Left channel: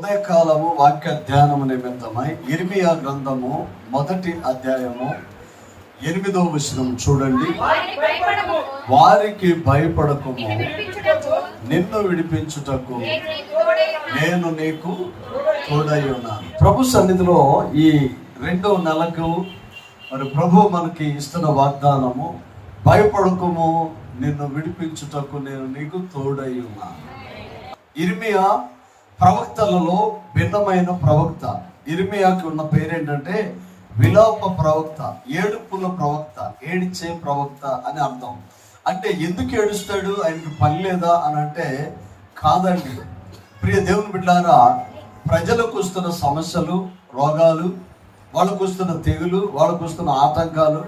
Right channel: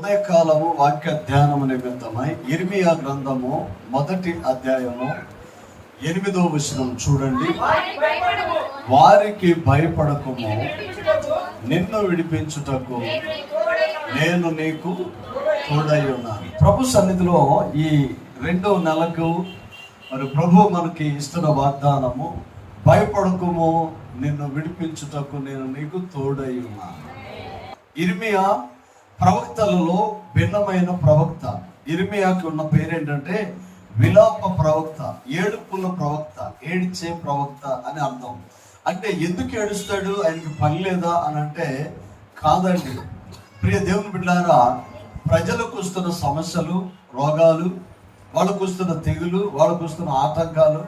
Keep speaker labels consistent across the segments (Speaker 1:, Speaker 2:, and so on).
Speaker 1: ఉదయకాలము వాక్య ధ్యానము నిమిత్తమై ఇరిమియా గ్రంథము మొదటి అధ్యాయము ఎనిమిదో విషయం చూడండి.
Speaker 2: వారికి భయపడము.
Speaker 1: భయపడకము.
Speaker 2: నిన్ను విడిపించుటకు నేను నీకు తోడై
Speaker 1: నేను నీకు తోడై ఉన్నాను ప్రభు సన్నిధిలో ఈ రెండో నెలకు మరి ప్రభు మనకి ఇస్తున్న వాగ్దానము భయపడకము నిన్ను విడిపించుటకు నేను నీకు తోడై ఉన్నాను ఇర్మియా ప్రవక్తలలో భిన్నమైన ప్రవక్త. ఇర్మియాకి ఉన్న పేరేంటంటే విలాప ప్రవక్త ఏడుపుల ప్రవక్త ఏడిచే ప్రవక్త అని అర్థం. అంటే ఎందుకు ఏడుస్తాడు? ఆయనకి పని లేదా అని అంటే కాదండి. ప్రియ దేవుని బిడ్డారా ప్రజలకు వస్తున్న సమస్యలు రోగాలు వాళ్ళకు వస్తున్న తెగులు వాళ్ళకు వస్తున్న ఆటంకాలు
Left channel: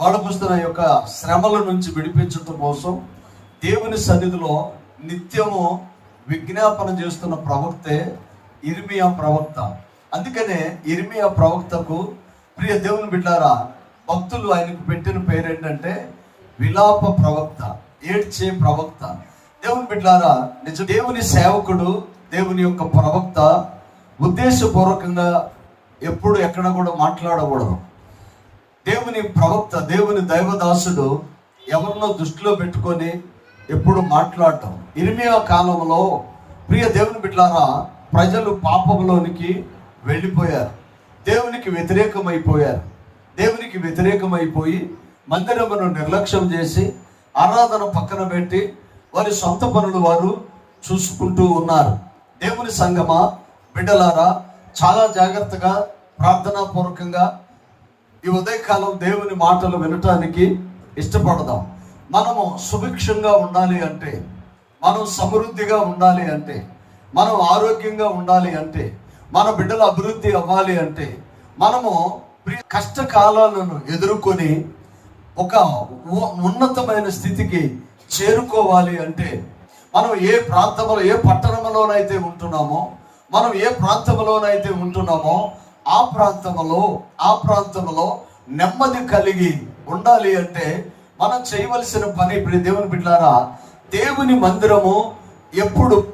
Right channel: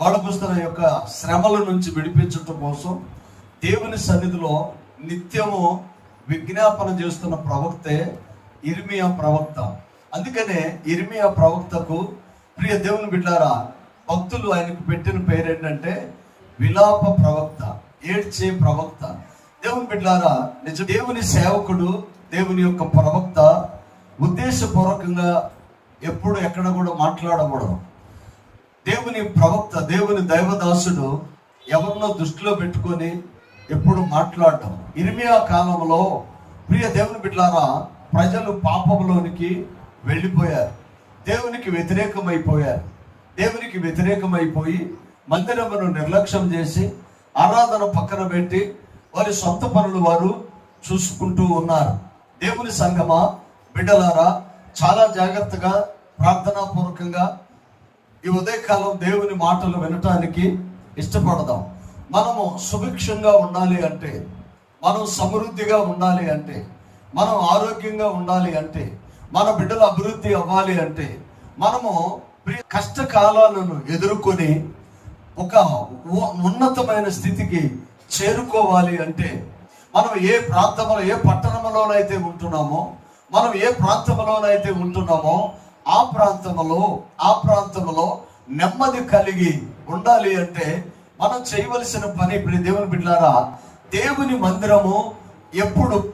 Speaker 1: వాళ్ళకు వస్తున్న యొక్క శ్రమల నుంచి విడిపించడం కోసం దేవుని సన్నిధిలో నిత్యము విజ్ఞాపన చేస్తున్న ప్రవక్తే ఇర్మియా ప్రవక్త. అందుకనే ఇర్మియా ప్రవక్తకు ప్రియ దేవుని బిడ్డారా భక్తులు ఆయనకు పెట్టిన పేరు ఏంటంటే విలాప ప్రవక్త ఏడ్చే ప్రవక్త. దేవుని బిడ్డారా నిజ దేవుని సేవకుడు దేవుని యొక్క ప్రవక్త ఉద్దేశపూర్వకంగా ఎప్పుడు ఎక్కడ కూడా మాట్లాడకూడదు. దేవుని ప్రవక్త దేవుని దైవదాసుడు ఎవరినో దృష్టిలో పెట్టుకొని ఎప్పుడు మాట్లాడటం ఇరిమియా కాలంలో ప్రియ దేవుని బిడ్డలారా ప్రజలు పాపంలోనికి వెళ్ళిపోయారు. దేవునికి వ్యతిరేకమైపోయారు. దేవునికి వ్యతిరేకమైపోయి మందిరమును నిర్లక్ష్యం చేసి ఆరాధన పక్కన పెట్టి వారి సొంత పనులు వారు చూసుకుంటూ ఉన్నారు. దేవుని సంగమా బిడ్డలారా చాలా జాగ్రత్తగా ప్రార్థనాపూర్వకంగా ఈ ఉదయకాలం దేవుని మాటలు వినటానికి ఇష్టపడదాం. మనము సుభిక్షంగా ఉండాలి అంటే మనం సమృద్ధిగా ఉండాలి అంటే మనం ఆరోగ్యంగా ఉండాలి అంటే మన బిడ్డల అభివృద్ధి అవ్వాలి అంటే మనము కష్టకాలను కష్టకాలాలను ఎదుర్కొని ఒక ఉన్నతమైన స్థితికి చేరుకోవాలి అంటే మనం ఏ ప్రాంతంలో ఏ పట్టణంలోనైతే ఉంటున్నామో మనం ఏ ప్రాంతంలోనైతే ఉంటున్నామో ఆ ప్రాంతంలో ఆ ప్రాంతంలో నెమ్మది కలిగి ఉండాలి అంటే మనం చేయవలసిన పని ఇప్పుడు దేవుని బిడ్డారా దేవుని మందిరము ఎప్పుడు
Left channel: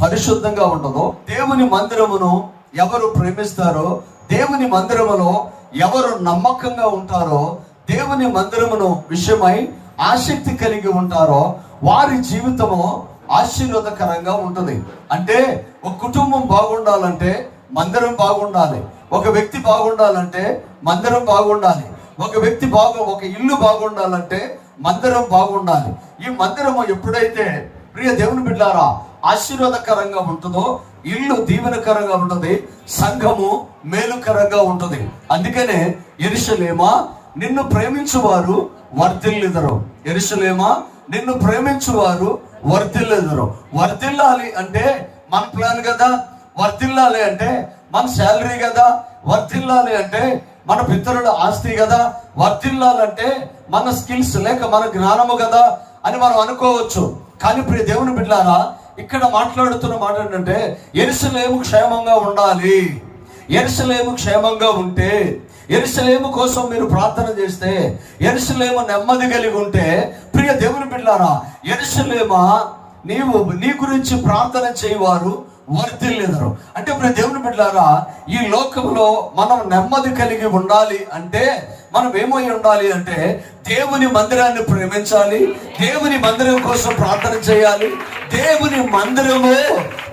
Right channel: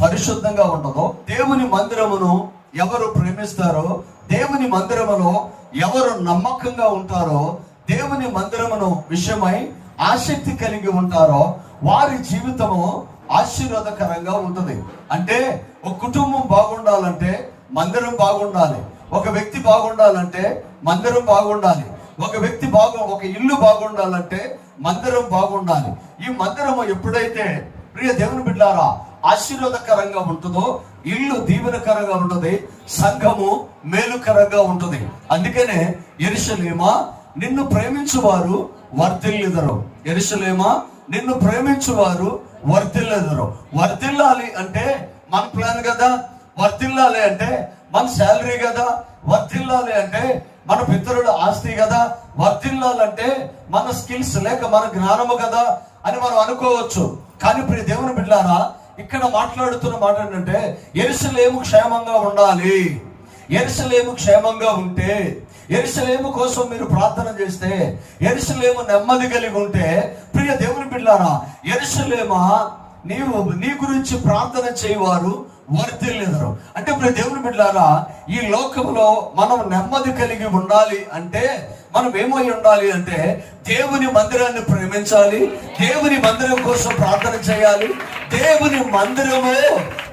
Speaker 1: పరిశుద్ధంగా ఉండదో దేవుని మందిరమును ఎవరు ప్రేమిస్తారో దేవుని మందిరములో ఎవరు నమ్మకంగా ఉంటారో దేవుని మందిరమును విషయమై ఆసక్తి కలిగి ఉంటారో వారి జీవితము ఆశీర్వాదకరంగా ఉంటుంది. అంటే ఒక కుటుంబం బాగుండాలంటే మందిరం బాగుండాలి. ఒక వ్యక్తి బాగుండాలంటే మందిరం బాగుండాలి. ఒక వ్యక్తి బాగు ఒక ఇల్లు బాగుండాలంటే మందిరం బాగుండాలి. ఈ మందిరము ఎప్పుడైతే ప్రియ దేవుని బిడ్డారా ఆశీర్వాదకరంగా ఉంటుందో ఇల్లు దీవెనకరంగా ఉంటుంది సంఘము మేలుకరంగా ఉంటుంది. అందుకనే ఎరుసలేమా నిన్ను ప్రేమించువారు వర్ధిల్లుదరు. ఎరుసలేమా నిన్ను ప్రేమించువారు వర్ధిల్లుదరు. వర్ధిల్లాలి అంటే మన ప్లాన్ కదా వర్ధిల్లాలి అంటే మన శాలరీ కదా వర్ధిల్లాలి అంటే మన పితరుల ఆస్తి కదా వర్ధిల్లాలంటే మన స్కిల్స్ లేక మన జ్ఞానము కదా అని మనం అనుకోవచ్చు. కానీ ప్రియ దేవుని బిడ్డారా ఇక్కడ మాట్లాడుతున్న మాట ఏంటంటే ఎరుసలేము క్షేమంగా ఉండాలి. ఎరుసలేము క్షేమంగా ఉంటే ఎరుసలేము కోసం మీరు ప్రార్థన చేస్తే ఎరుసలేము నెమ్మది కలిగి ఉంటే ప్రియ దేవుని బిడ్డారా ఎరుసలేమా నీవు నీ గురించి ప్రార్థన చేయవారు వర్ధిల్లేదరు అంటే ఇప్పుడు దేవుని బిడ్డారా ఈ లోకంలో మనం నెమ్మది కలిగి ఉండాలి అంటే మనం ఏమై ఉండాలి అంటే దేవుని మందిరాన్ని ప్రేమించాలి దేవుని మందిరం కోసం ప్రార్థన చేయాలి దేవుని మందిరము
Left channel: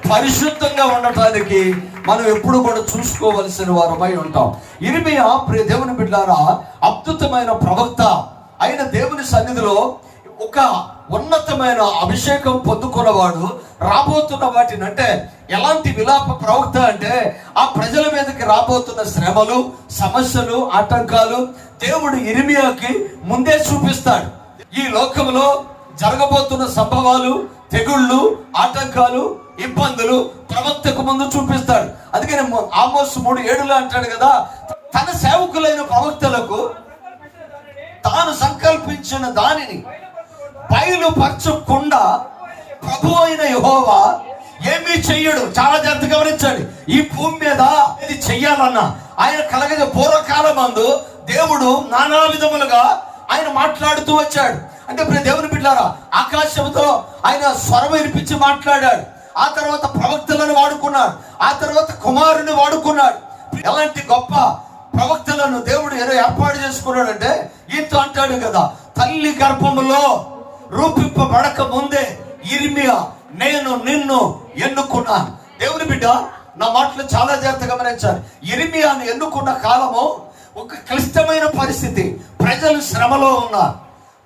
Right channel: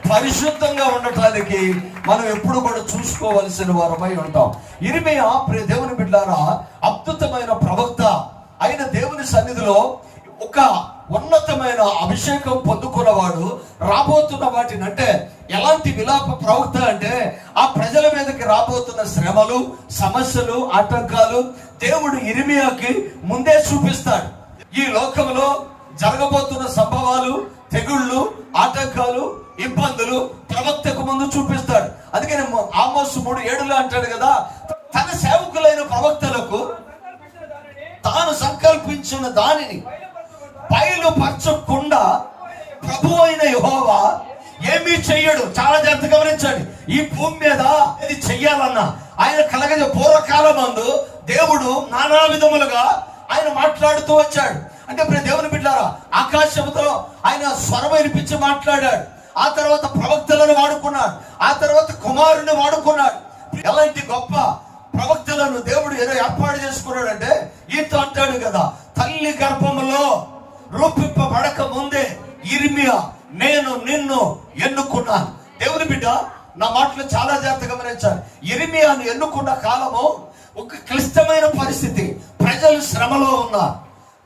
Speaker 1: పరిశుద్ధంగా ఉండటానికి మనం ఎప్పుడు కూడా చూసుకోవలసిన వారమై ఉంటాం. ఇరిమియా ప్రియ దేవుని బిడ్డారా అద్భుతమైన ప్రవక్త అయిన దేవుని సన్నిధిలో ఒక ఉన్నతమైన అభిషేకం పొందుకున్నవాడు రాబోతున్న వాటిని అంటే ఎలాంటి విలాప ప్రవక్త అంటే ఆ ప్రజల మీదకి రాబోతున్న శ్రమలు సమస్యలు ఆటంకాలు దేవుడు ఇరిమియాకి ముందే చూపిస్తాడు. ఈ లోకంలో జరగబోతున్న సంభవాలు తెగుళ్ళు ఆటంకాలు ఇబ్బందులు ప్రవక్తకు ముందు చూపిస్తాడు. అందుకని ఆమోస్ మూడు ఏడులో అంటాడు కదా తన సేవకులైన ప్రవక్తలకు తాను సంకల్పించిన దానిని బయలుపరచకుండా ప్రభు అయిన యహోవా ఏమీ చెయ్యడు. చాలా జాగ్రత్త గమనించాడు. ఈ భూమి మీద ఇది చెయ్యాలన్నా ఆయన కలిగిన పూర్వకాలం మందు దేవుడు నానా విధములుగా ఆయన మాట్లాడుతూ వచ్చాడు. అంటే ఇప్పుడు దేవుని బిడ్డారా ఆకాశంతో ఆయన స్వరం వినిపించి మాట్లాడాడు. ఆ తర్వాత ప్రవక్తలను వాడుకున్నాడు. ఆ తర్వాత కుమారుని వాడుకున్నాడు. ఎలాంటి గొప్ప ప్రవక్తలను దేవుడు ఏదో ఏర్పాటు చేసుకున్నాడంటే ఈతో అంటాడు కదా తల్లి గర్భములో రూపింపబడక ముందే ఇర్మియా నేను నిన్ను ఎన్నుకున్నాను దేవుని బిడ్డ నా మాటలు చాలా జాగ్రత్తగా గమనించాలి. ఇర్మియాను ఎన్నుకున్న కాలము ఒక క్లిష్టమైన పరిస్థితి. ప్రజలు శ్రమలో ఉన్నారు.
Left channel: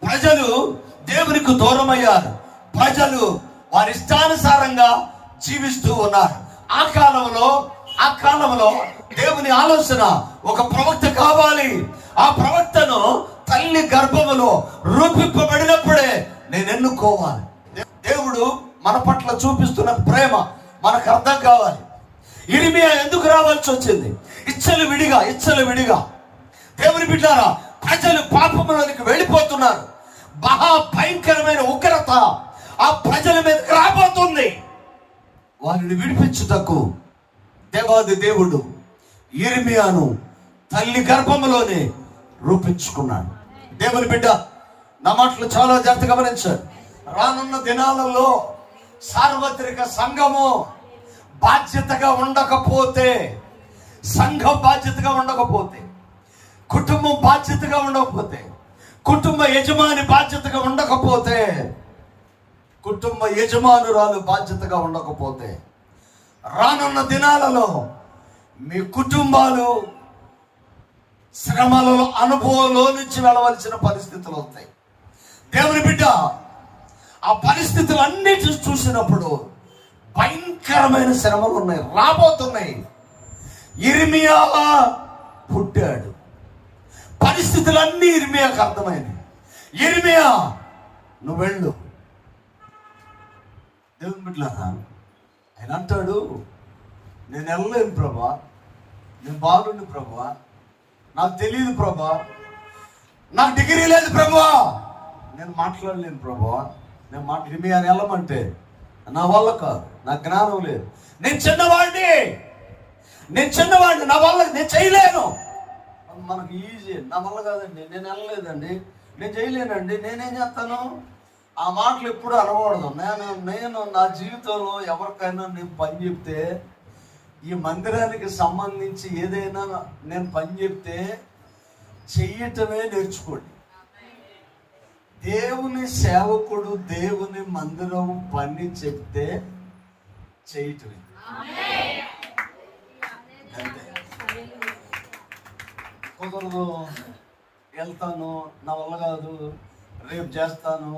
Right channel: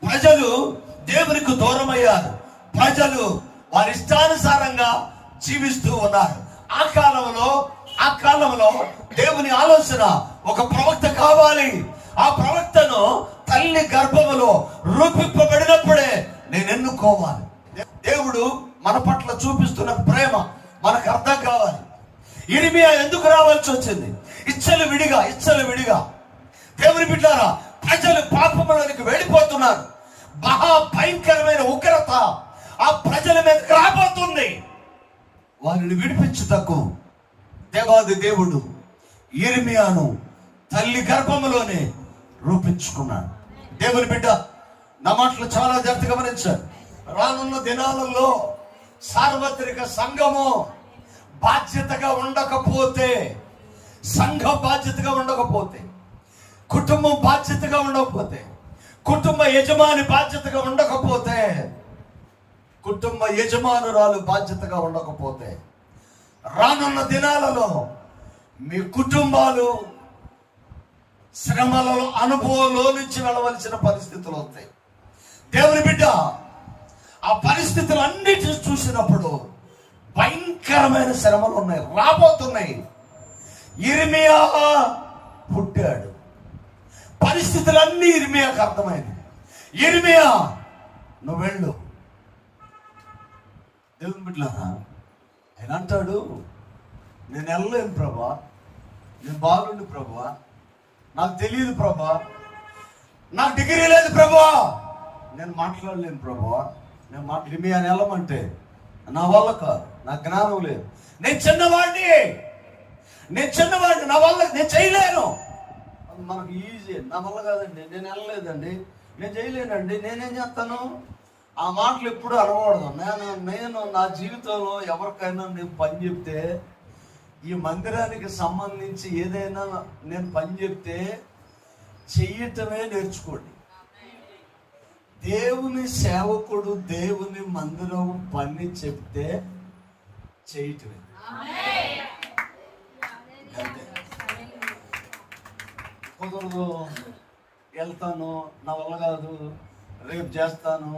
Speaker 1: ప్రజలు దేవునికి దూరమయ్యారు. ప్రజలు వారి ఇష్టానుసారంగా జీవిస్తూ ఉన్నారు. ఆ కాలంలో ఆ కాలంలో దేవుని ఆలోచన ఒక ప్రవక్త కావాలి. ఆ ప్రవక్తను తల్లి గర్భములో రూపింపబడినప్పుడే నేను ఎన్నుకోవాలి. దేవుడు మన పట్ల చూపిస్తున్న ప్రేమ మనకు అర్థం కావాలి. ఇరిమియా ఎందుకు రావాల్సి వచ్చింది? ఇచ్చలు విడిగా ఇచ్చలు విడిగా. దేవుని బిడ్డారా ప్రజలు పాపములోనికి వెళ్ళిపోతున్నారు. మహా భయంకరమైన ఉగ్రత ఆ ప్రజల మీద రాబోతుంది. వారిని విడిపించుటకు దేవాది దేవుడు ఇర్మియాను తల్లి గర్భంలోనే రూపించుకున్నాడు. దేవుని బిడ్డ నా మాటలు చాలా జాగ్రత్త గమనించారు. రానున్న దినాలలో సార్వత్రిక సంఘము బాధ్యతగా ఉండకపోతే సంఘం బాధ్యతగా ఉండకపోతే కుటుంబం బాధ్యతగా ఉండకపోతే కుటుంబ యజమాని బాధ్యతగా ఉండకపోతే కుటుంబ యజమానురాలు బాధ్యతగా ఉండకపోతే రానున్న దినాలలో మీ కుటుంబాలు శ్రమలలో అనుభవంలో నుంచి వెళ్ళవలసిన పరిస్థితులు వస్తాయి. దేవుని బిడ్డ ఆ పరిస్థితులు అన్నిటి చూసినప్పుడు భయంకరమైన శ్రమలు ఉన్నాయి రాబోతున్నాయి. ఇర్మియా పుట్టాడు. పరిస్థితులన్నీ ఇర్మియాకు అర్థమైంది. ఇర్మియా నువ్వు వెళ్ళు దేవుని బిడ్డలారా ఆయన అంటాడు నేను వెళ్ళలేను ప్రభా. నేను బాగుండు ప్రభా. నాకు తెలియదు ప్రభా. నాకు డిగ్రీ లేదు ప్రభా. నేను మాట్లాడలేను ప్రభా. నేను మాట్లాడి మీ ఆయన వెళ్ళమంటే నా వల్ల కాదు నా జ్ఞానం లేదు. నేను చిన్నవాడిని. నేను చిన్నవాడిని నా వల్ల నేను చేయలేను. మనకు ఈజీ నా వల్ల కాదండి. నేను వెళ్ళలేదండి. నేను చేయలేనండి. నేనేం చేస్తాను? ఆ మాటలు ఎప్పుడు అనకూడదు. నేను నేను నా జీవితంలో ఎవరికైనా నేను పని చెప్తే ఈ మందిరానికి సంబంధించి ఏదైనా నేను పని చెప్తే చెయ్యటమే నేర్చుకోండి. దేవుని సేవకుడు దేవుని మందిరం పని చెప్తే చేయటమే అంతే. కుదరదు వెళ్తాను నా వల్ల కాదు రేపు చేస్తాను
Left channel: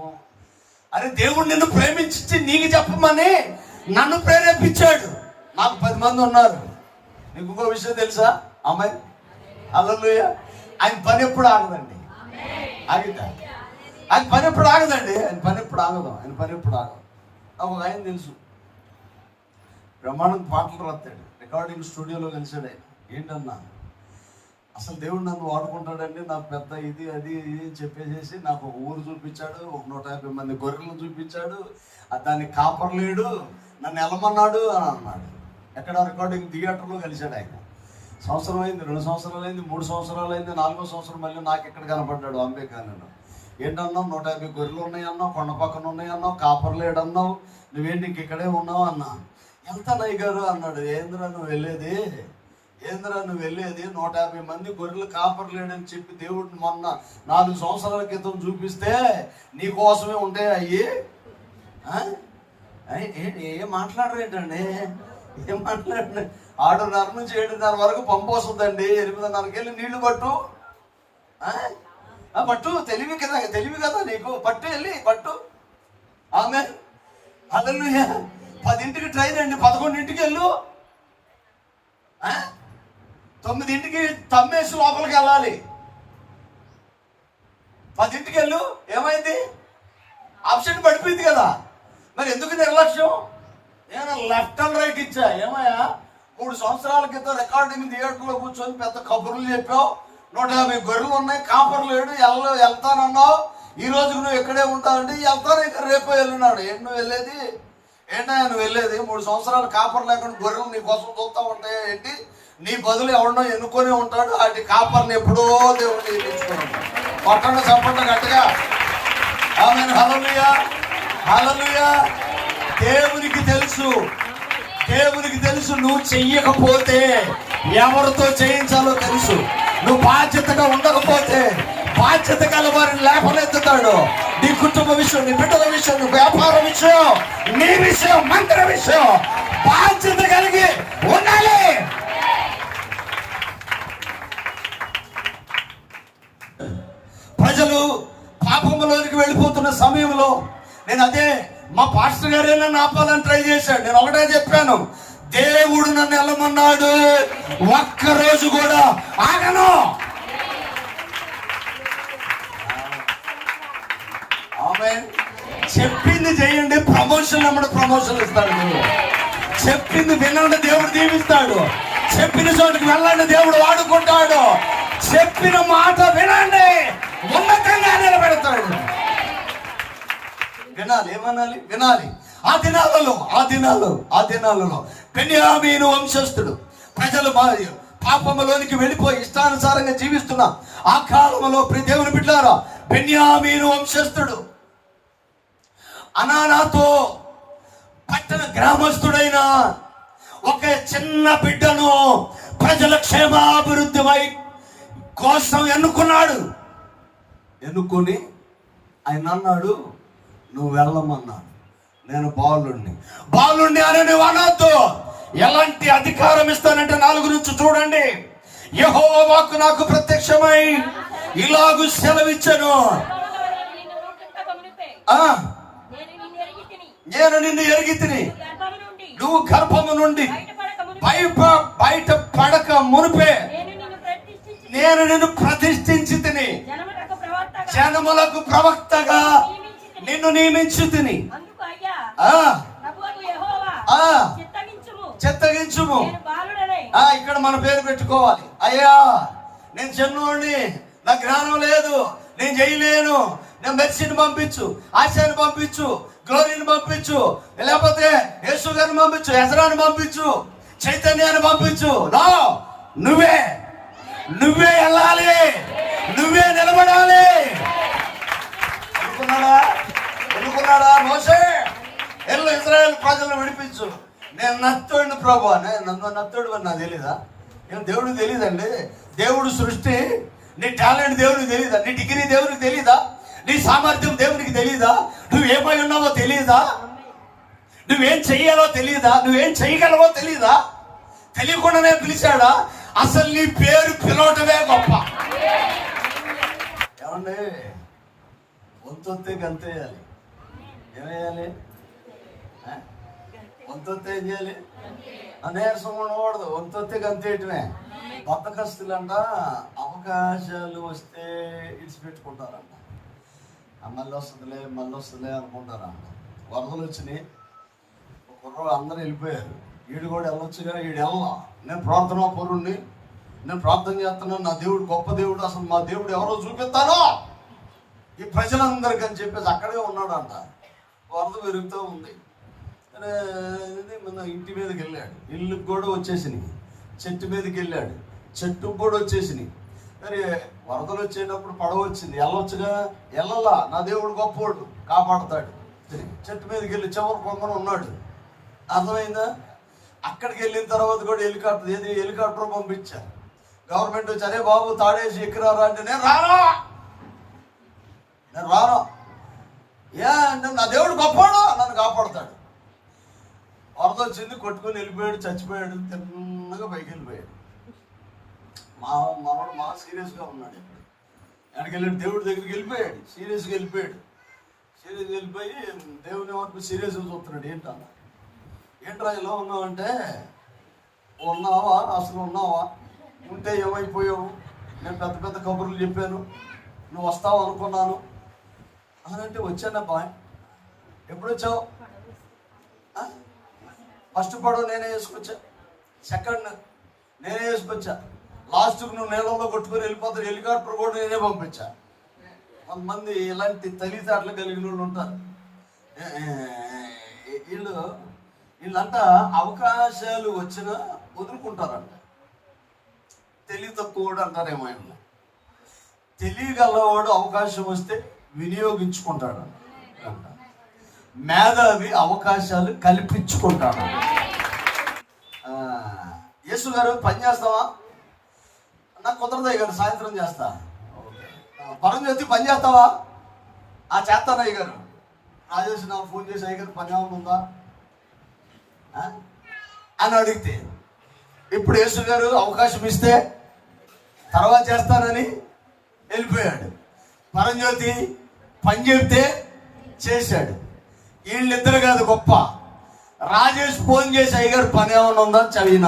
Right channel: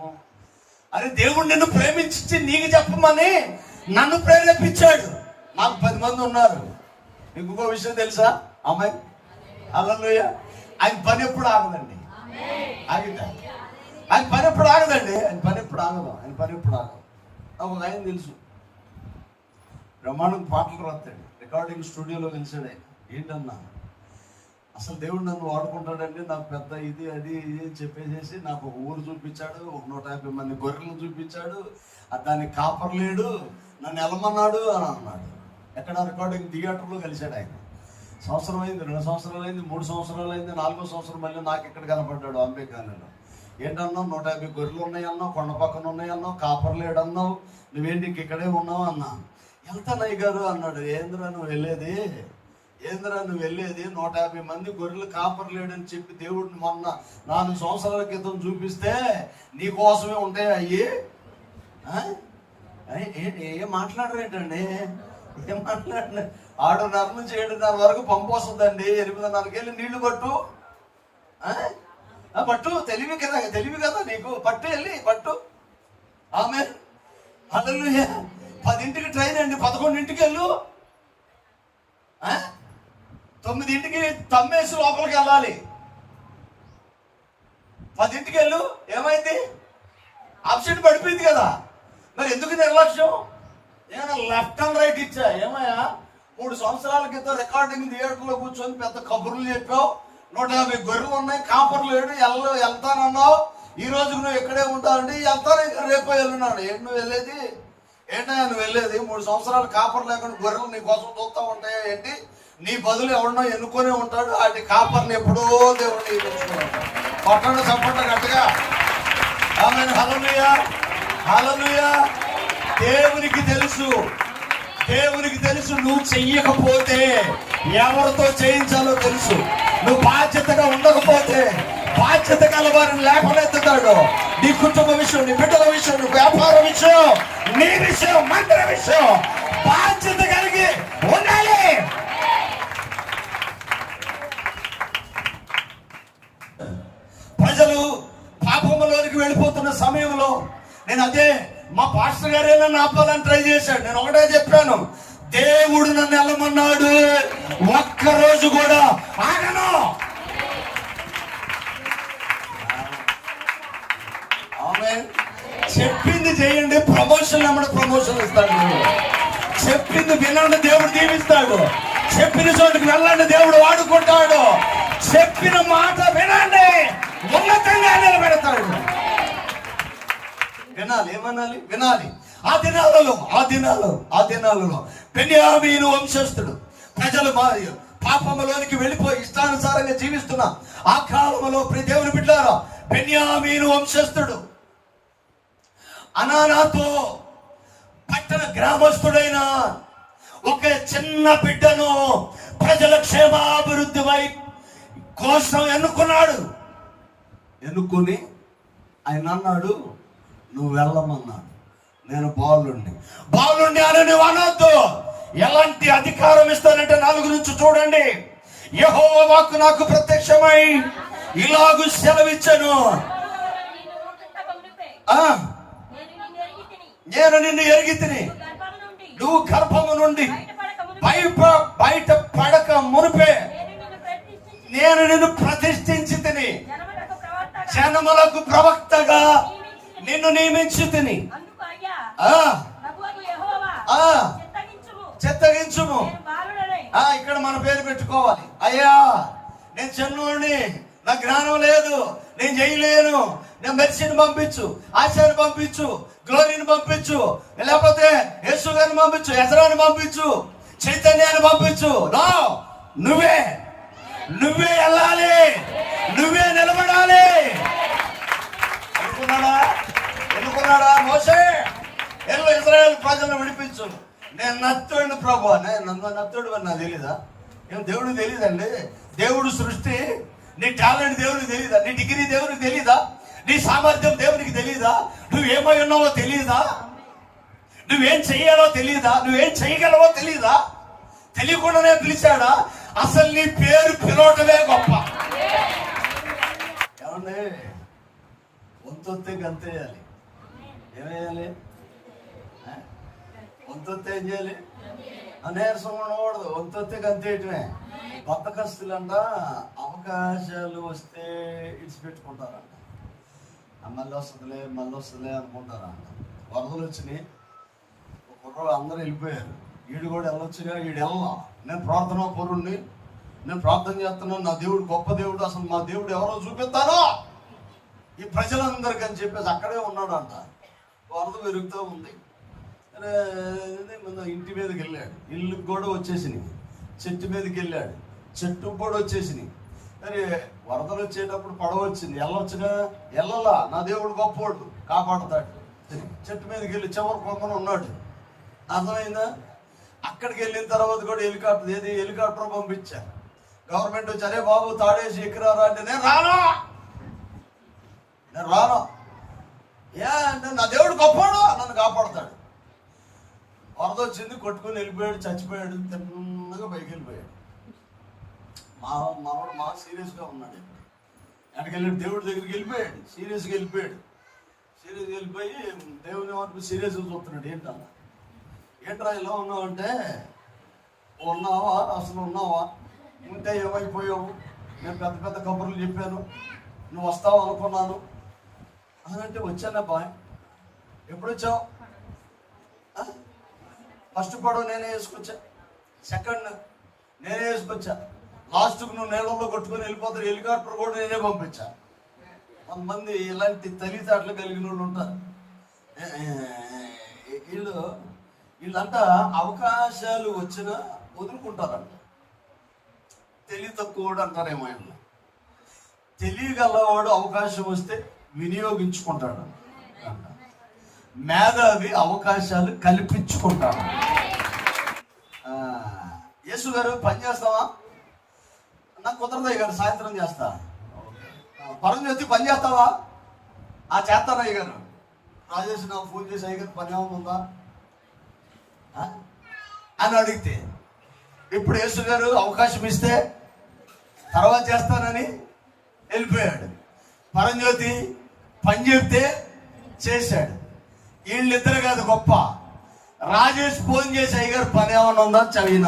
Speaker 1: అరే దేవుడు నిన్ను ప్రేమించి నీకు చెప్పమని నన్ను ప్రేరేపించాడు. నాకు పది మంది ఉన్నారు. నీకు ఇంకో విషయం తెలుసా? అమ్మాయి అల్లెలుయ్య ఆయన పని ఎప్పుడు ఆగదండి. ఆగిట. ఆయన పని ఎప్పుడు ఆగదండి. ఆయన పని ఎప్పుడు ఆగదు. ఆయన పని ఎప్పుడు ఆగదు. ఒక ఆయన తెలుసు. బ్రహ్మాండం పాటలు రాస్తాడు. రికార్డింగ్ స్టూడియోలో కలిసాడు. ఏంటన్నా? అసలు దేవుడు నన్ను వాడుకుంటాడండి నాకు పెద్ద ఇది అది ఇది అని చెప్పేసేసి నాకు ఒక ఊరు చూపించాడు ఒక నూట యాభై మంది గొర్రెలు చూపించాడు. దాన్ని దానికి నన్ను వెళ్ళమన్నాడు అని అన్నాడు. ఎక్కడ రికార్డింగ్ థియేటర్లో కలిశాడు ఆయన. సంవత్సరం అయింది రెండు సంవత్సరాలు అయింది మూడు సంవత్సరాలు అయింది నాలుగో సంవత్సరం మళ్ళీ నాకు ఇక్కడ కనపడ్డాడు అంబేకాలను ఏంటన్నావు నూట యాభై గొర్రెలు ఉన్నాయన్నావు కొండ పక్కన ఉన్నాయన్నావు కాపర్ అన్నావు నువ్వేంటి నీకు ఇక్కడే ఉన్నావు అన్నా. వెళ్తానయ్య గారు అన్నాడు. ఏంద్రా నువ్వు వెళ్ళేది? ఏంద్రా నువ్వు వెళ్ళేది? నూట యాభై మంది గొర్రెలు కాపర్ లేడని చెప్పి దేవుడు మొన్న నాలుగు సంవత్సరాల క్రితం చూపిస్తే నీ కోసమే ఉంటాయి అయ్యి? ఏ- ఏం మాట్లాడరేటండి? ఏం మాట్లాడండి ఆరున్నర నుంచి ఏడున్నర వరకు పంపొస్తుందండి ఎనిమిదిన్నరకెళ్ళి నీళ్ళు పట్టు. పట్టు. తెలివి కదా తెలివి కదా నీకు. పట్టు వెళ్ళి పట్టు. ఆమె. హల్లెలూయా. పదింటికి ట్రైన్ అండి. పదకొండింటికి వెళ్ళు. తొమ్మిదింటికి తమ్మేసి లోపలికి వెళ్ళాలి. పదింటికి వెళ్ళు. ఏమైంది? ఆప్షన్ పడిపోయింది కదా. మరి ఎందుకు నిర్లక్ష్యం? ఏమైనా లెఫ్ట్ అండ్ రైట్ ఇచ్చా? ఏమయ్యా? మూడు సంవత్సరాల క్రితం రికార్డింగ్ థియేటర్లో కూర్చొని పెద్ద కబుర్లు చెప్పావు. నూట యాభై గొర్రెలు ఉన్నాయి. కాపర్లు లేడు. ఎల్లో వెళ్తానన్నావు. ఈ రోజు నువ్వు ఎక్కడే ఉంటావండి. వెళ్తాను. రేపు వెళ్ళినాడు ఏంటి నువ్వు వెళ్ళేది? ఏంటా నువ్వు వెళ్ళేది? మూడు సంవత్సరాలు కాపర్ లేకుండా గొర్రెలు నీ కోసం చూస్తా ఉంటాయి ఏంటి? నీ బదులు ఎవడో ఎన్నుకొని ఉంటాడు. వాటి కాపర్ని ఎప్పుడో దేవుడు నియమించుకున్నాడు కొట్టండి చప్పండి గట్టిగా హలలుయా హలలుయా దేవునికి తెలుసు. తెలుసు దేవునికి తెలుసు. నువ్వు చెయ్యకపోతే ఎవరితో చేయించాలో తెలుసు. నువ్వు బాధ్యతగా ఉండకపోతే బాధ్యత గల వారిని లేపనెత్తుతాడు. నీ కుటుంబ విషయం నీ బిడ్డల విషయం నీ వ్యాపార విషయం నీ విషయం మంత్ర విషయం బాధ్యత కలిగి ఉండాలి ప్రజలు పాపంలోనికి వెళ్ళిపోతున్న సమయంలో నేను అదే మా పాస్టర్ గారే నన్ను ఆపాలని ట్రై చేశాడు. నేను ఒకటే చెప్పాను. దేవుడు నన్ను వెళ్ళమన్నాడు ఒక్క రోజు కూడా ఆగను. చెప్పింది చేయండి ప్రమోషన్ అమ్మడు ప్రమోషన్ ఇస్తాడు చెప్పింది వినండి దేవుడు దీవిస్తాడు. చెప్పిన చోటుకి వెళ్ళండి దేవుడు వాడుకుంటాడు. చెప్పిన మాట వినండి ఉన్నతంగా నిలబెడతాడు వినాలి ఏమనాలి? వినాలి. ఆ దినాలలో ఆ దినాల్లో ఆ దినాలలో పెన్యామీను వంశస్థుడు ప్రజలు మారి పాపములోనికి వెళ్ళిపోయి ఇష్టానుసారంగా జీవిస్తున్న ఆ కాలంలో ప్రతి దేవుని బిడ్డారా పెన్యామీను వంశస్థుడు. అనానాతో పట్టణ గ్రామస్తుడైన ఒక చిన్న బిడ్డను ప్రజల క్షేమాభివృద్ధి వై కోసం ఎన్నుకున్నాడు. ఎన్నుకొని ఆయన అన్నాడు నువ్వు వెళ్ళమన్నాడు నేను బాలుణ్ణి. బాలుణ్ణి అని నువ్వు అనొద్దు. ఎలాంటి అధికారం ఇస్తానంటే నాలుగు నుంచి చూడండి. యహో వాక్కు నాకు ప్రత్యక్షమై ఇలాగు సెలవిచ్చను. ఆ?
Speaker 2: నేను నిన్ను ఎరిగి తిని నుండి
Speaker 1: నువ్వు గర్భము నుండి బయట బయట పడక మునిపే.
Speaker 2: నేను నిన్ను ప్రతిష్ఠించి
Speaker 1: తిని.
Speaker 2: జనములకు
Speaker 1: ప్రవక్త నియమించు తిని ఆ.
Speaker 2: చిత్తగించుము.
Speaker 1: ఇక్కడ మన పేరు పెట్టుకోవాలి. అయ్యా నేను చిన్నోడిని నా జ్ఞానం లేదు నేను చేయలేను. నేను మెర్సిని పంపించు ఆశాని పంపించు గ్లోరీని పంపించు లేకపోతే యేసు గారిని పంపించు ఎసరాని పంపించు చైతన్యాన్ని పంపించు. నో నువ్వే. నువ్వే వెళ్ళాలి. నువ్వే నిలబడాలి. అనుకున్నాడా మోసే? ఎల్లు ఇజ్రాయల్ ప్రజలు విడిపించు. నేను నత్తోడిని ప్రభు నేను నన్ను నత్తోడు అని నాకు తెలీదా? నేను దేవుడు తెలీదండి. దేవుడు సృష్టి. నీ టాలెంట్ దేవుడికి తెలీదా? నీ డిగ్రీ దేవుడికి తెలీదా? నీ సామర్థ్యం దేవునికి తెలీదా? నువ్వేమై ఉన్నావో తెలీదా? నువ్వేం చెయ్యాలో తెలీదా? నువ్వేం చేయగలవో తెలీదా? తెలియకుండానే పిలిచాడా? అసలు నీ పేరు పిలవటమే గొప్ప. ఏమండి? వంతొత్తే గంతేయాలి. ఏమేయాలి? చేయాలి? వంతొత్తే ఏం చేయాలి నీరసం ఉండకూడదు వంతొత్తే గంతేయటమే. బతకస్తులంట అవకాశాలు వస్తే ఇడిచిపెట్టుకుంటారంట. మళ్ళీ వస్తుందిలే మళ్ళీ వస్తుందిలే అనుకుంటారంట. వరదలు వచ్చినాయి. కుర్రలు అందరూ వెళ్ళిపోయారు. వీడు కూడా వెళ్ళొచ్చుగా వీడు వెళ్ళా నేను ప్రార్థనా పరుణ్ణి. నేను ప్రార్థన చేస్తున్నాను. నా దేవుడు గొప్ప దేవుడు. అసలు మా దేవుడు ఎవరో చూపిస్తారో ఈ ప్రజలందరికీ అని చెప్పేసి అక్కడే ఉన్నాడు వంద వరద పెరుగుతూ ఉంది. మన ఇంటి మీదకి వెళ్ళాడు. ఇల్లుకి కూడా వచ్చేసింది. చెట్టు మీదకి వెళ్ళాడు. చెట్టుకు కూడా వచ్చేసింది. మరి వరదలు వచ్చేటప్పుడు పడవ వచ్చింది. వెళ్ళొచ్చుగా? వెళ్ళాలా? నా దేవుడు గొప్పోడు కాపాడతాడు. చెట్టు మీదకి వెళ్ళి చివరి కొమ్మన ఉన్నాడు. అర్థమైందా? అక్కడికి వెళ్ళిన తర్వాత కూడా హెలికాప్టర్ ఏది? హెలికాప్టర్ పంపించారు గవర్నమెంట్ వచ్చి అరే బాబు తాడేసి ఎక్కరా అంటే నేను రాను? నేను రాను? ఏ అంటే నా దేవుడు గొప్పవాడు నన్ను కాపాడుతాడు. వరద వచ్చింది కొట్టుకొని వెళ్ళిపోయాడు చచ్చిపోయాడు తిన్నగా పైకి వెళ్ళిపోయాడు. మా మనవాడు మా సీరియస్గా ఉన్నాడు ఇప్పుడు. ఆయనకి వెళ్ళాడు దేవుడి దగ్గరికి వెళ్ళిపోయాడు సీరియస్గా వెళ్ళిపోయాడు. సీరియస్గా వెళ్ళిపోయి దేవుని వరకు సీరియస్గా చూస్తున్నాడు ఏంటన్నా ఏంట్రా ఇలా ఉన్నావు అంటే ఉన్నావా? అసలు ఉన్నావా? ఉంటే ఏమైపోయావు? నేను పెద్ద పెద్ద కబుర్లు చెప్పాను. నువ్వు వస్తావు అనుకున్నాను అని అంటే వచ్చానబ్బా? ఎప్పుడు వచ్చావు ఫస్ట్ పడవ నేనే వేసుకొచ్చా. సెకండ్ నేనే వేసుకొచ్చా. లాస్ట్కి నువ్వు నీళ్ళల్లో కొట్టుకొని వెళ్ళిపోతారు హెలికాప్టర్ కూడా నేనే పంపించా. కొంతమంది ఇలాంటి తెలివితేటలు కలిగిన వాళ్ళు ఉంటారు. వీళ్ళు వీళ్ళంతా అవకాశాలు వచ్చినా వదులుకుంటారంట. తెలివి తక్కువ అంటారేమో వీళ్ళు. తెలియగలవాడు అవకాశం వస్తే వినియోగించుకుంటాడు. మేధావి అవకాశాలు కల్పించుకుంటాడు. యేసు గారు పని చేస్తావా? నాకు కుదరదు గారు సాయంత్రం చేస్తా. ఆ, పరం చేసి పని చేస్తావా? ఆ చేస్తాను అయ్య గారు. రాజేష్ నాకు ఫోన్ చేసి అయ్య గారు పని ఉందా? అని అడిగితే ఇప్పుడు యేసు గారు అవకాశం ఇస్తే తర్వాత చేస్తానని వెళ్ళిపోయాడు. పరంజ్యోతి పని చెప్తే చేశాడు. వీళ్ళిద్దరు కాదు గొప్ప. రాజేష్ ఫోన్ చేసి అయ్యగారు పని ఏమైనా ఉందా చదివిన.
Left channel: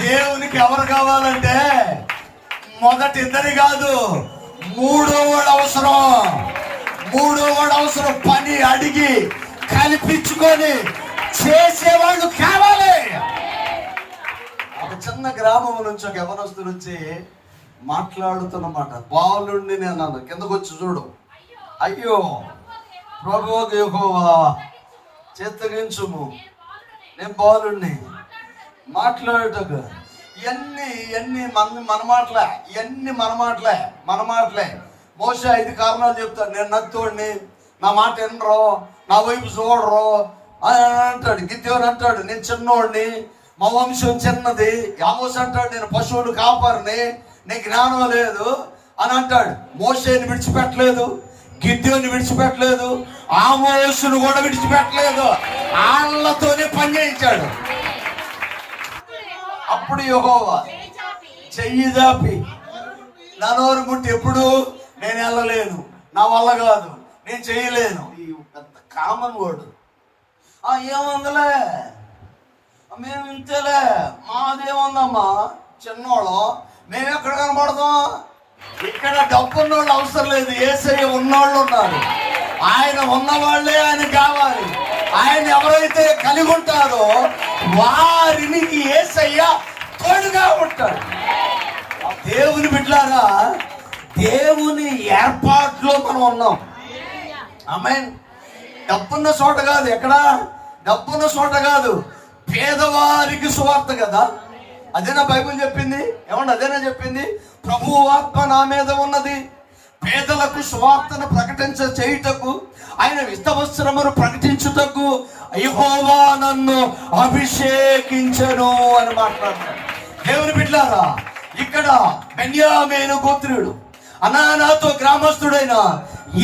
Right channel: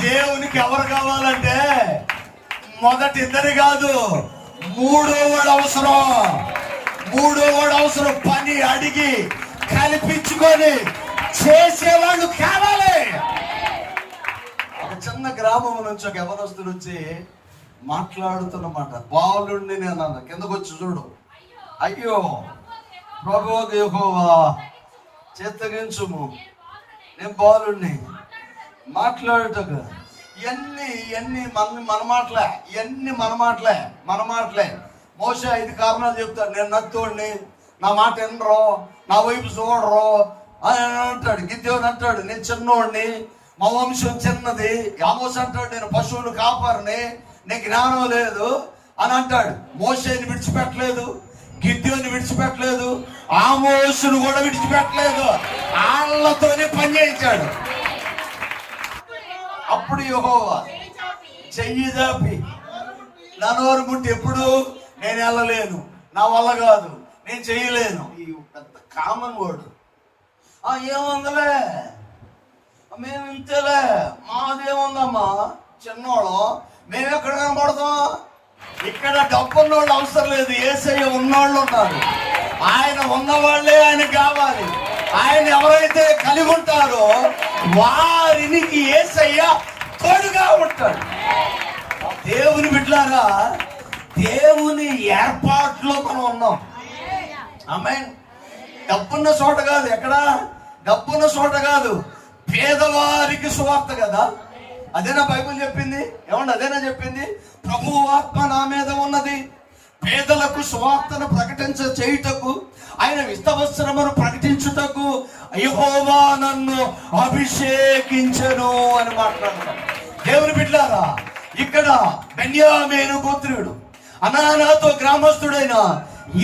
Speaker 1: దేవునికి ఎవరు కావాలంటే మొదటి ఇద్దరు కాదు మూడో వాడు అవసరం. మూడో వాడు అవసరం. పని అడిగి కల్పించుకొని చేసేవాళ్ళు కావాలి. ఒక చిన్న గ్రామం నుంచి ఒక యవనస్తుడు వచ్చి మాట్లాడుతున్నమాట బాలుండి నేను అన్నాను. కిందకు వచ్చి చూడు. అయ్యో ప్రభు దేహోవా చేతగించుము నేను బాలుణ్ణి. మాట్లాడుటకు. ఇవన్నీ ఇవన్నీ మన మన మాటలే ఇవన్నీ మన మాటలే మన మాటలే. మోస ఐదు కారణాలు చెప్తాడు. నేను నత్తోడిని నా మాట వినరు నా వైపు చూడరు అని అంటాడు. గిద్యోని అంటాడు నేను చిన్నోడిని మా వంశం చిన్నది. యామోస్ అంటాడు నేను పశువులు కాపారిని నీకు జ్ఞానం లేదు అని అంటాడు. మోసేని విడిచిపెట్టలేదు గిద్దెని విడిచిపెట్టలేదు ఆమోసును కూడా విడిచిపెట్టలేదు. ఆళ్ళతోనే పని చేయించాడు. అప్పుడు యహోవా చెయ్యి దాపి. నా నోరు ముట్టి ఎప్పుడు నేను వెళ్ళలేను. నా వల్ల కాదు. నేను చేయలేను. ఈ పెద్ద కామన్ వర్డ్ ఆ ఏముందిలే? మేము ఇంతలే మాదేముందమ్మా? చిన్నోళ్ళం. మేము ఎక్కడ కనబడతాం? ఇక్కడ డబ్బు వాళ్ళు అవసరం లేదు ఏసయ్య ఉన్నోళ్ళు ఉన్నారు. ఆయన ఉన్నవాళ్ళే ఆయన కావాలి. ఆయన ఎవరైతే కలిగి ఉంటారో వారిని ఏసయ్య తోడుగా ఉంటాడు. దేవుని బిడ్డలాగా దేవుని ఏర్పాట్లో మనం ఉన్నాం. ఆమె డబ్బున్న చోట కాదు ఎక్కడ? డబ్బున్న చోట కాదు. పేదవారికి సువార్త కదా. అదేనా బైబిల్ చెప్పింది? ఏమన్నా అదేనా చెప్పింది? ప్రభు ఆత్మ నా మీద ఉన్నది. పేదలకు సువార్తను ప్రకటించ చేయుటకు ఆయన విస్తవస్త్రమును ప్రకటించుటకు యెహోవా నన్ను అభిషేకించను అని మాట్లాడారు దేవుని బిడ్డారా ఇక్కడ బెన్యామీను గోత్రుడు అనానాతో గ్రామస్తుడైన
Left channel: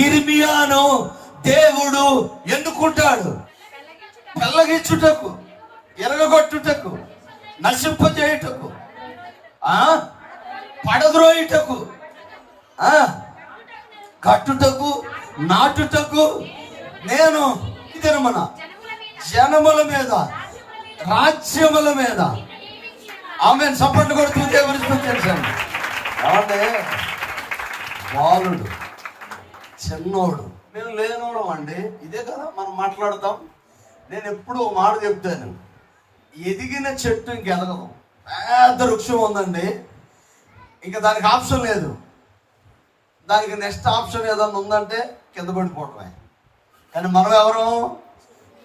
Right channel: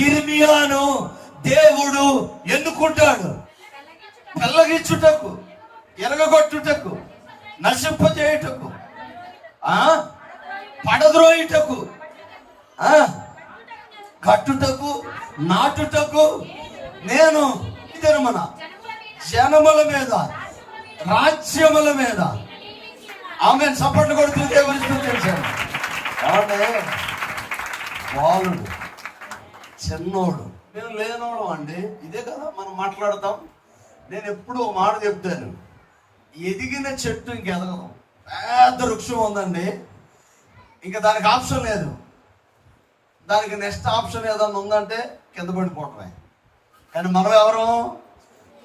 Speaker 1: ఇర్మియాను దేవుడు ఎన్నుకుంటాడు? పెళ్ళగించుటకు ఎరగగొట్టుటకు. నశింపజేయుటకు పడద్రోయుటకు కట్టుటకు నాటుటకు నేను మన జనముల మీద రాజ్యముల మీద. ఆమె సపోర్ట్ కొడుతూ దేవుని స్తుతించాను అంటే బాలుడు చిన్నోడు. మేము లేనోడు అండి. ఇదే కదా మనం మాట్లాడతాం. నేను ఎప్పుడూ మాట చెప్తాను. ఎదిగిన చెట్టు ఇంకెదగదు. పెద్ద వృక్షం ఉందండి. ఇంకా దానికి ఆప్షన్ లేదు. దానికి నెక్స్ట్ ఆప్షన్ ఏదన్నా ఉందంటే కింద పడిపోవటమే. కానీ మనం ఎవరు?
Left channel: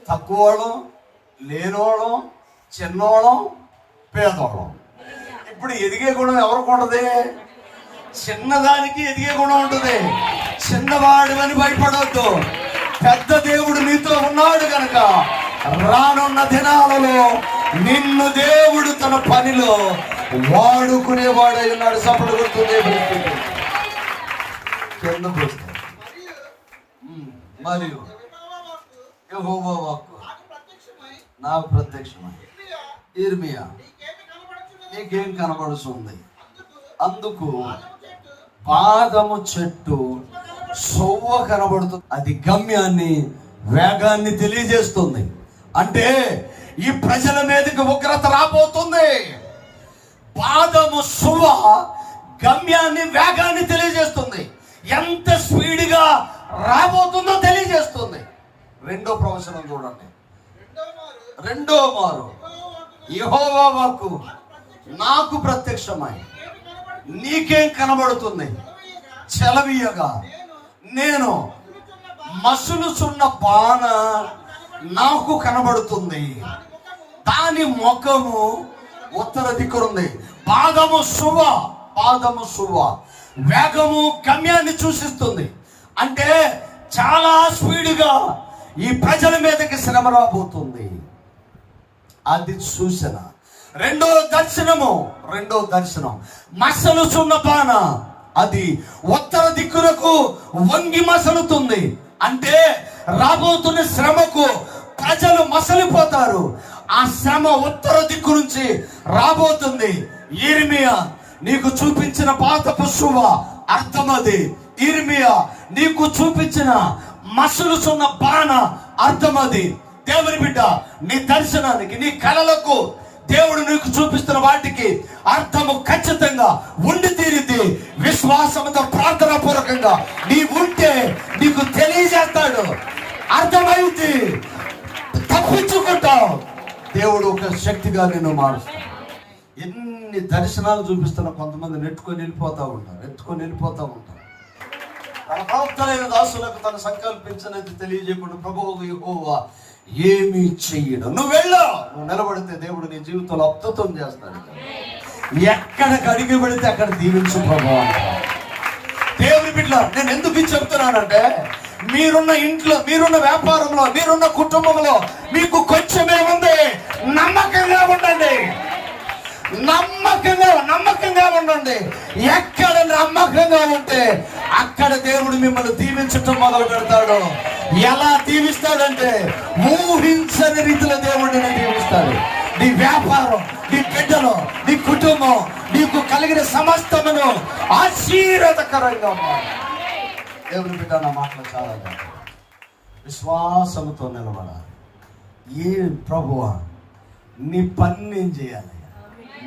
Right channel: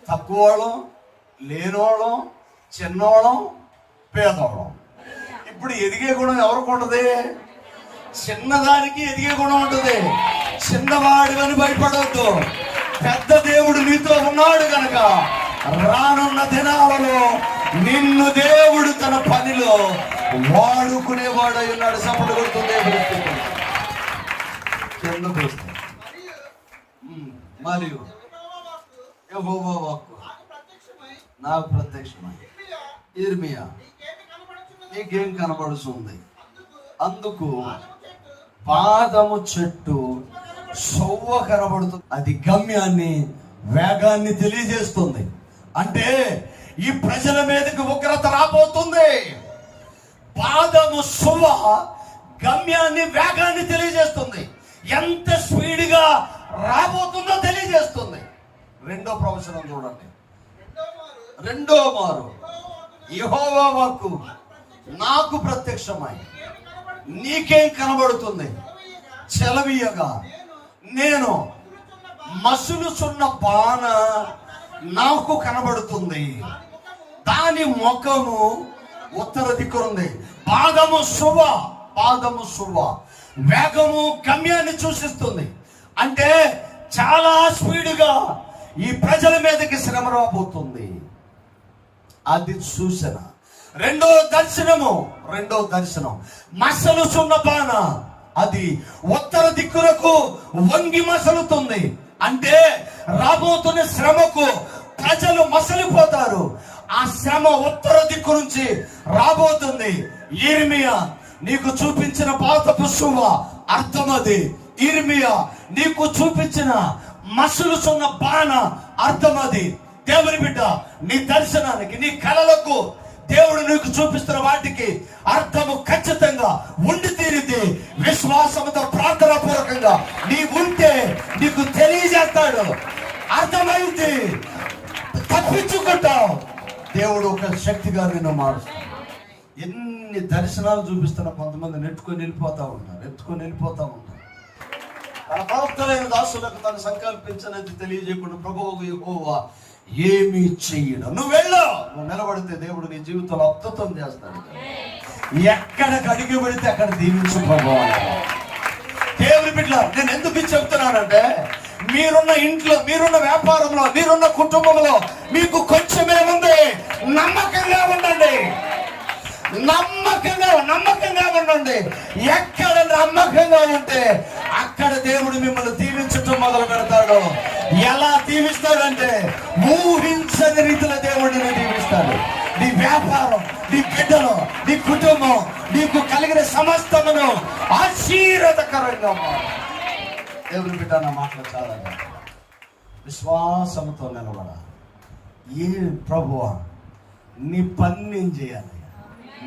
Speaker 1: తక్కువడం లేనోడం చిన్నోళం పేదోళం ఇప్పుడు ఎదిగే గుణం ఎవరికి ఉండదు చిన్నదానికి ఎదిగే గుణం ఉంటుంది. చిన్నవాడు అని భయపడవద్దు పెద్ద దేవుడు నీతో ఉన్నాడు కనుక రానున్న దినాలలో నిన్ను దేవుడు తన పనిలో వాడుకునేవాడు అయి ఉన్నాడు కొడుతుంది. మరియు యెహోవా వాక్కు. నాకు ప్రత్యక్షం ఇర్మియా నీకేం కనబడుతుంది అందుకు పాదము చెట్టు సొవ్వ కనబడుతుంది అది గమ్యాన్ని వేగాన్ని తెలియజేస్తుంది. అంటే ఈ ప్రజల మీదకి ఉగ్రత రాబోతుంది. పాదము సువ గమ్యాన్ని వేగాన్ని తెలియజేస్తుంది. ఎంత స్పీడ్గా రాబోతుందో తెలియజేస్తుంది. రెండో ప్రవచనం చూడండి. రెండో మారు యెహోవా వాక్కు నాకు ప్రత్యక్షమై నీకేం కనబడుతుంది? చెలవీయగా నేను మసులుచున్న బాణ నాకు కనబడుతుంది. దాని ముఖము ఉత్తర దిక్కురుంది. పాదము శుభ పాదము శుభ వేగము గమ్యాన్ని సూచిస్తుంది. అంటే చాలా స్పీడ్గా ఈ ప్రజల మీదకి శ్రమ రాబోతుంది. అది సూచన. రెండో దర్శనము రెండో దర్శనం. మసలు సున్నపాన అది ఉత్తర దిక్కులకు వంగి మసలుతుంది. అంటే రాబోతున్న శ్రమకు ప్రజలు మసలిపోతారు. ఆ శ్రమ ఉత్తర దిక్కు నుంచి రాబోతుంది. ఇర్మియా నీకు చూపించిన పాత పుష్పమ అర్థమది ఇర్మియా నీకు చూపించిన మసలుచున్న బాణ అర్థమది దేవుని బిడ్డ నీ దర్శనానికి నీ కళలకు దేవుడు నీకు చూపిస్తున్న వాటికి అర్థము ఖచ్చితంగా ఉండి తీరింది. విశ్వాసంతో ప్రార్థన పూర్వకంగా నీ ఉంటే నీకు తెలియజేస్తాడు. అర్థమైంది? తప్పించుకుంటావు. దేవుడు ఒక శక్తిగా నిన్ను మారుస్తాడు. ఎన్ని దర్శనాలు చూపిస్తున్న కొంతమంది నెట్టుకొని వెళ్ళిపోతా ఉంటారు నెట్టుకొని వెళ్ళిపోతూ ఉంటారు తన ప్రవక్తలైన దాసులకు తను సంకల్పించినది తెలియజేయకుండా ప్రభువు యెహోవా ఏమి చెయ్యడు. నువ్వు వెళ్ళా నువ్వు నిలబడితే దేవుడు నీ జీవితంలో అద్భుతం చేస్తాడు. ఎక్కడ కడిగి పెడితే అక్కడ దీవించు ప్రభు. దేవుని బిడ్డ నేను ఎందుకు చెప్తున్నానంటే మీరున్న ఇంట్లో మీరున్న వ్యాపారంలో మీరున్న కుటుంబంలో మీకు కొంచెమే ఉంది. నమ్మకంగా ఉండండి. నమ్మకంగా నమ్మకంగా ఉండండి. ఎక్కడ నమ్మకంగా ఉంటే అక్కడ దేవుడు మిమ్మల్ని దీవించటం మొదలు పెడతాడు. ఎలా దీవిస్తాడంటే ఊహించని రీతిలో దేవుడిని దీవిస్తాడు. నీ వ్యాపారం నీ బిడ్డలు నీ కుటుంబం నీకు కలిగిన సమస్తమును ఆశీర్వదకరంగా మారు. దేవుని బిడ్డ నా మాటలు చాలా బాగుంది. విశ్వాసంతో నిలబడాలి. ఏ ప్రభువా నీ పని నేను చేయాలి.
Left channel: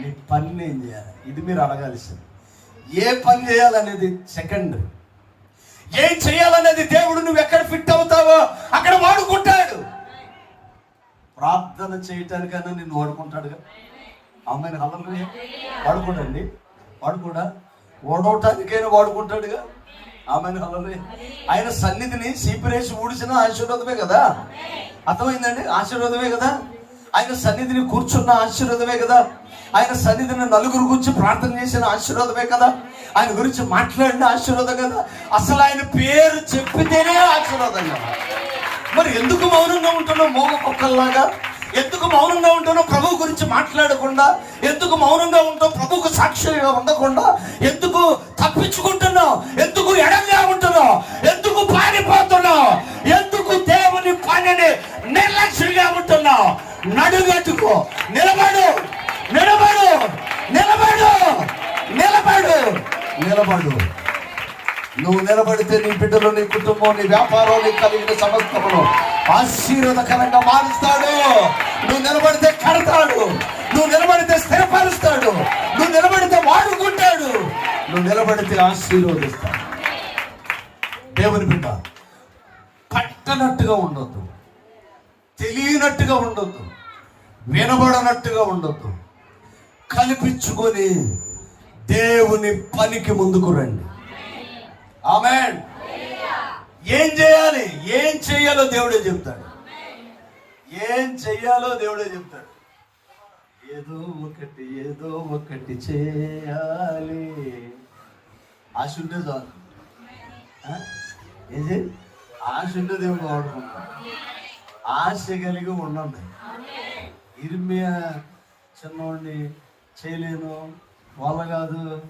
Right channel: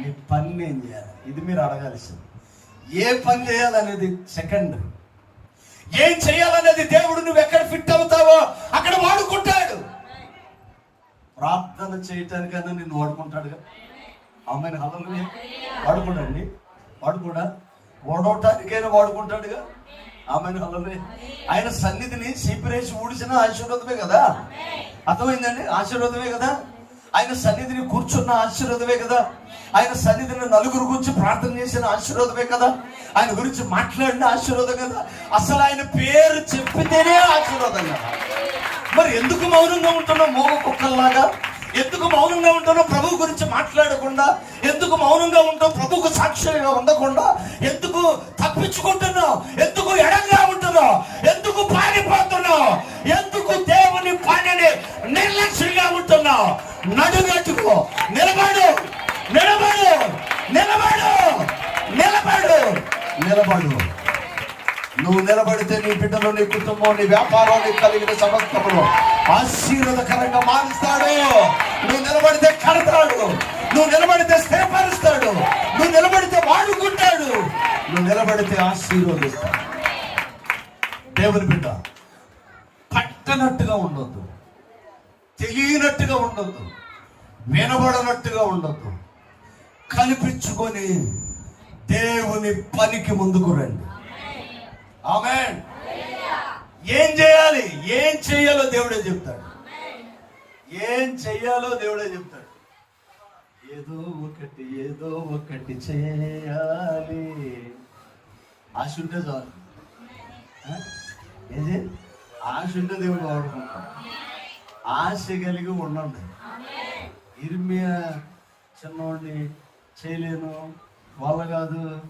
Speaker 1: నీ పని నేను చేయాలి. ఇది మీరు అడగాల్సింది. ఏ పని చేయాలనేది సెకండ్ ఏం చేయాలనేది దేవుడు నువ్వు ఎక్కడ ఫిట్ అవుతావో అక్కడ వాడుకుంటాడు. ప్రార్థన చేయటానికైనా నిన్ను వాడుకుంటాడుగా? అమ్మని అల్లరిని వాడుకుంటండి వాడుకుంటా? ఓడవటానికైనా వాడుకుంటాడుగా? ఆమెను అల్లరి ఆయన సన్నిధిని సీపిరేసి ఊడిచిన ఆశీర్వాదమే కదా. అర్థమైందండి? ఆశీర్వాదమే కదా. ఆయన సన్నిధిని కూర్చున్న ఆశీర్వాదమే కదా. ఆయన సన్నిధిని నలుగురు గురించి ప్రార్థన చేసిన ఆశీర్వాదమే కదా. ఆయన గురించి మాట్లాడిన ఆశీర్వాదం కదా. అసలు ఆయన పేరు చెప్పితేనే ఆశీర్వాదం మరి ఎందుకు మౌనంగా ఉంటున్నాం మోగ కుక్కల్లాగా? ఎందుకు మౌనంగా ఉంటున్నావు ప్రభు గురించి మాట్లాడకుండా ఎందుకు మౌనంగా ఉంటావు ప్రభుకు సాక్షిగా ఉండకుండా ఎందుకు తప్పించుకుంటున్నావు ఎందుకు ఎడంగా ఉంటున్నావు ఎందుకు పారిపోతున్నావు ఎందుకు దేవుని పనిని నిర్లక్ష్యంగా ఉంటున్నావు. నడువెట్టుకో నిలబడు నిలబడు నిలబడు నిలబడు నిలబడు. నువ్వు నిలబడితే నీ బిడ్డలు నీ కుటుంబం నీ వ్యాపారం నీ కలిగిన సమస్తము ఆశీర్వాదకరంగా మారుస్తాడు. నువ్వు నిలబడితే కడతాడు. నువ్వు నిలబడితే స్థిరపరుస్తాడు. నువ్వు నిలబడితే వాడుకుంటాడు. నువ్వు నిలబడితే ఆశీర్వదిస్తాడు. దేవుని బిడ్డ కట్టనట్టుగా ఉండొద్దు. తెలియనట్టుగా ఉండొద్దు. వినబడనట్టుగా ఉండొద్దు. కల్పించుకొని దేవుని పనికి ముందుకు రండి. ఆమె ఏం చేయాలి? ఏం చేయాలో దేవుడే చెప్తాడు. ఏం చెయ్యాలో దేవుడే చెప్తాడు. ఏదో ఒకటి ఏదో ఒకటి చేయాలి. ఆశ ఉంటే చాలు. ఏది ఆశ ఉంటే దేవుడు వాడుకుంటాడు. ఆశ కలిగి ఉండండి. ఇర్మియా చిన్నోడిని చేయలేను వాళ్ళ కాదు.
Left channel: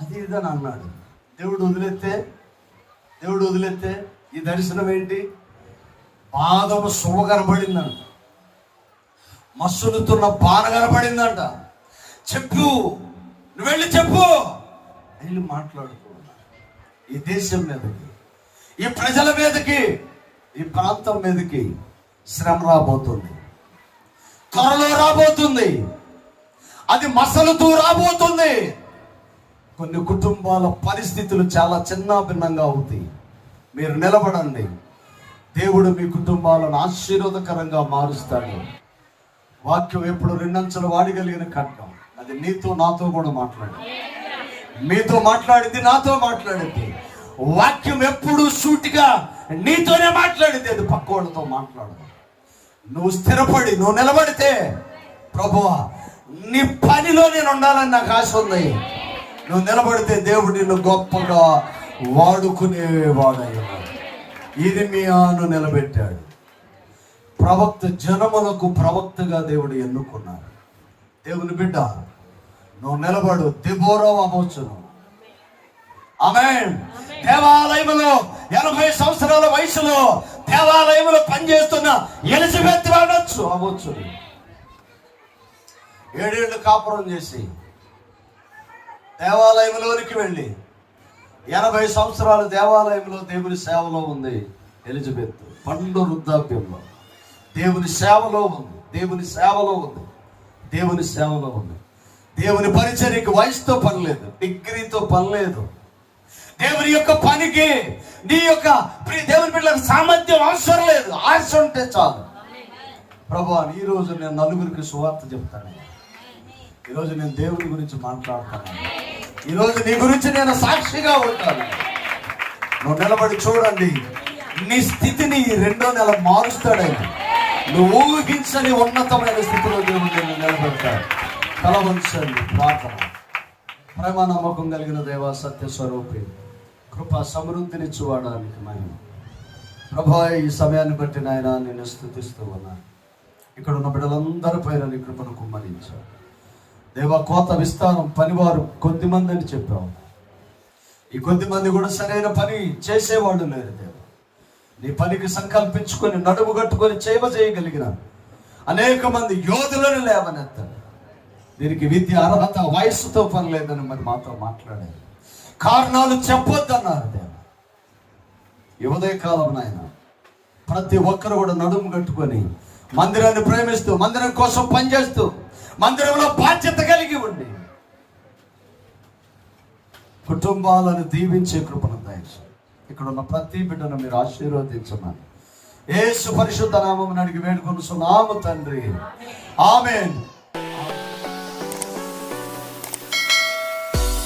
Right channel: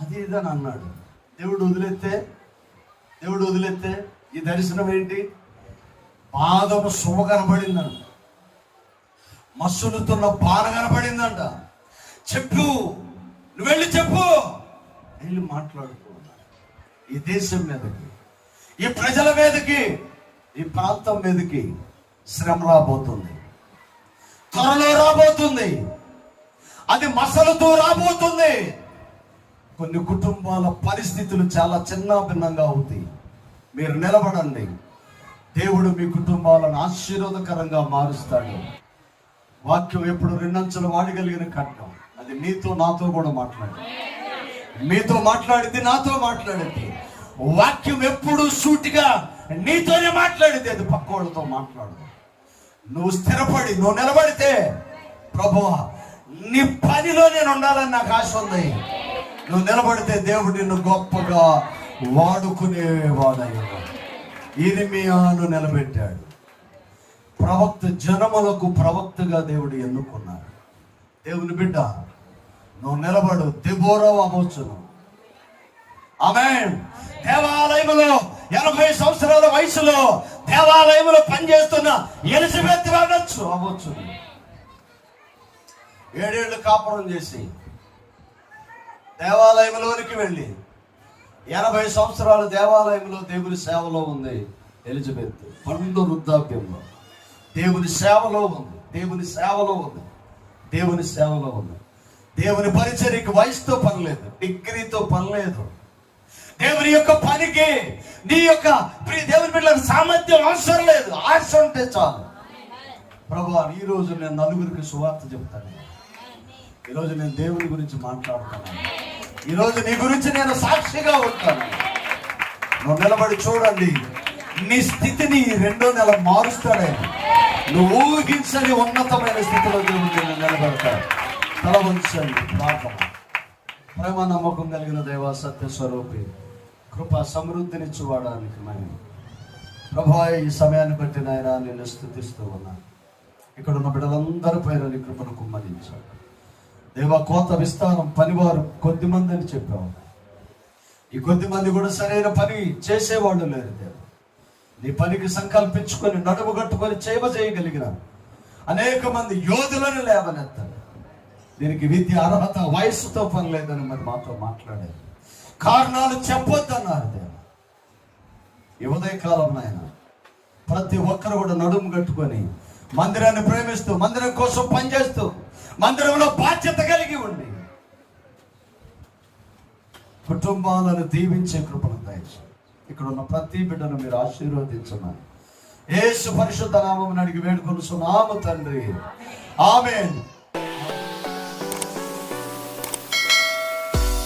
Speaker 1: అది ఇదని అన్నాడు. దేవుడు వదిలేస్తే దేవుడు వదిలేస్తే ఈ దర్శనం ఏంటి? పాదము శుభ కనబడిందంట మస్సులుతున్న బాణ కనబడిందంట చెప్పు నువ్వు వెళ్ళి చెప్పు. వెళ్ళి మాట్లాడుతూ ఈ దేశం మీదకి ఈ ప్రజల మీదకి ఈ ప్రాంతం మీదకి శ్రమ రాబోతుంది. త్వరలో రాబోతుంది. అది మసలుతూ రాబోతుంది. కొన్ని కుటుంబాల పరిస్థితులు చాలా చిన్న భిన్నంగా అవుతాయి. మీరు నిలబడండి. దేవుడు మీ కుటుంబాలను ఆశీర్వాదకరంగా మారుస్తాడు. వాక్యం ఎప్పుడు రెండంచులు వాడగలిగిన కట్నం అది నీతో నాతో కూడా మాట్లాడు. మీతో మాట్లాడింది నాతో మాట్లాడింది వాక్యం ఎప్పుడు సూటిగా నీతోనే మాట్లాడింది అది పక్కోళ్ళతో మాట్లాడదు. నువ్వు స్థిరపడి నువ్వు నిలబడితే ప్రభువా నీ పనిలో నేను ఉండాలని నాకు ఆశ ఉంది. నువ్వు నిలబడితే దేవుడు నిన్ను గొప్పగా మీ ఇరిమియాను నిలబెట్టాడు. ప్రవక్త జనములకు ప్రవక్తగా దేవుడు ఎన్నుకున్నాడు. దేవుని బిడ్డ నువ్వు నిలబడు. దెబోరవ అవ్వచ్చును ఆమె దేవాలయంలో ఎనభై సంవత్సరాల వయసులో దేవాలయంలో పనిచేస్తున్న ఎలిజబెత్ అనొచ్చు అవ్వచ్చు ఏడేళ్ళు కాపురం చేసి దేవాలయంలోనికి వెళ్ళి ఎనభై సంవత్సరాలు దేవాలయంలో దేవుని సేవలో ఉంది ఎలిజబెత్. పండు వృద్ధాప్యంలో. దేవుని సేవలో ఉంది. దేవుని సేవలో ఉంది. దేవుని సేవలో ఉంది. దేవుని పరిచర్యకి వయసుతో పని లేదు. డిగ్రీతో పని లేదు. దేవుని యొక్క పనికి నీ యొక్క ప్రియ దేవుని పిల్లలకు సామర్థ్యం అవసరం లేదు. ఆశ ఉంటే చాలు. ప్రభా ఈ రోజు నేను నలుగురికి సువార్త చెప్తాను. ఈ నేను దేవుని గురించి మాట్లాడుతున్నాను. ఈ నీ గురించి నేను సాక్షిగా ఉంటాను. నువ్వు నిలబడి చూడండి. నీ స్థితిని ఈ రెండో నెల మారుస్తాడేమో. నువ్వు ఊహించని ఉన్నతమైన స్థితిలో దేవుడు నిన్ను నిలబెడతాడు. తల వంచండి ప్రార్థన. ప్రేమ నమ్మకం కలిగిన దేవా సత్య స్వరూపి కృప సమృద్ధినిచ్చువాడానికి నాయన ప్రభా ఈ సమయాన్ని బట్టి నాయన నిన్ను స్థుతిస్తూ ఉన్నాను. ఇక్కడ ఉన్న బిడ్డలందరి పైన నీ కృపను కుమ్మరించాడు దేవా కోత విస్తారం పనివారు కొద్దిమంది అని చెప్పావు. ఈ కొద్ది మంది కూడా సరైన పని చేసేవాళ్ళు లేరు దేవ. నీ పనికి సంకల్పించుకొని నడుము కట్టుకొని చేవ చేయగలిగిన అనేక మంది యోధులను లేవనెత్తారు. దీనికి విద్య అర్హత వయస్సుతో పని లేదని మరి మాతో మాట్లాడారు. కారణాలు చెప్పొద్దన్నారు దేవ. ఈ ఉదయకాలం నాయన ప్రతి ఒక్కరు కూడా నడుము కట్టుకొని మందిరాన్ని ప్రేమిస్తూ మందిరం కోసం పనిచేస్తూ మందిరంలో బాధ్యత కలిగి ఉండి కుటుంబాలను దీవించే కృపను దయచేయండి. ఇక్కడ ఉన్న ప్రతి బిడ్డను మీరు ఆశీర్వదించమని. ఏ సుపరిశుద్ధ నామం అడిగి వేడుకొనుచున్నాము తండ్రి. ఆమె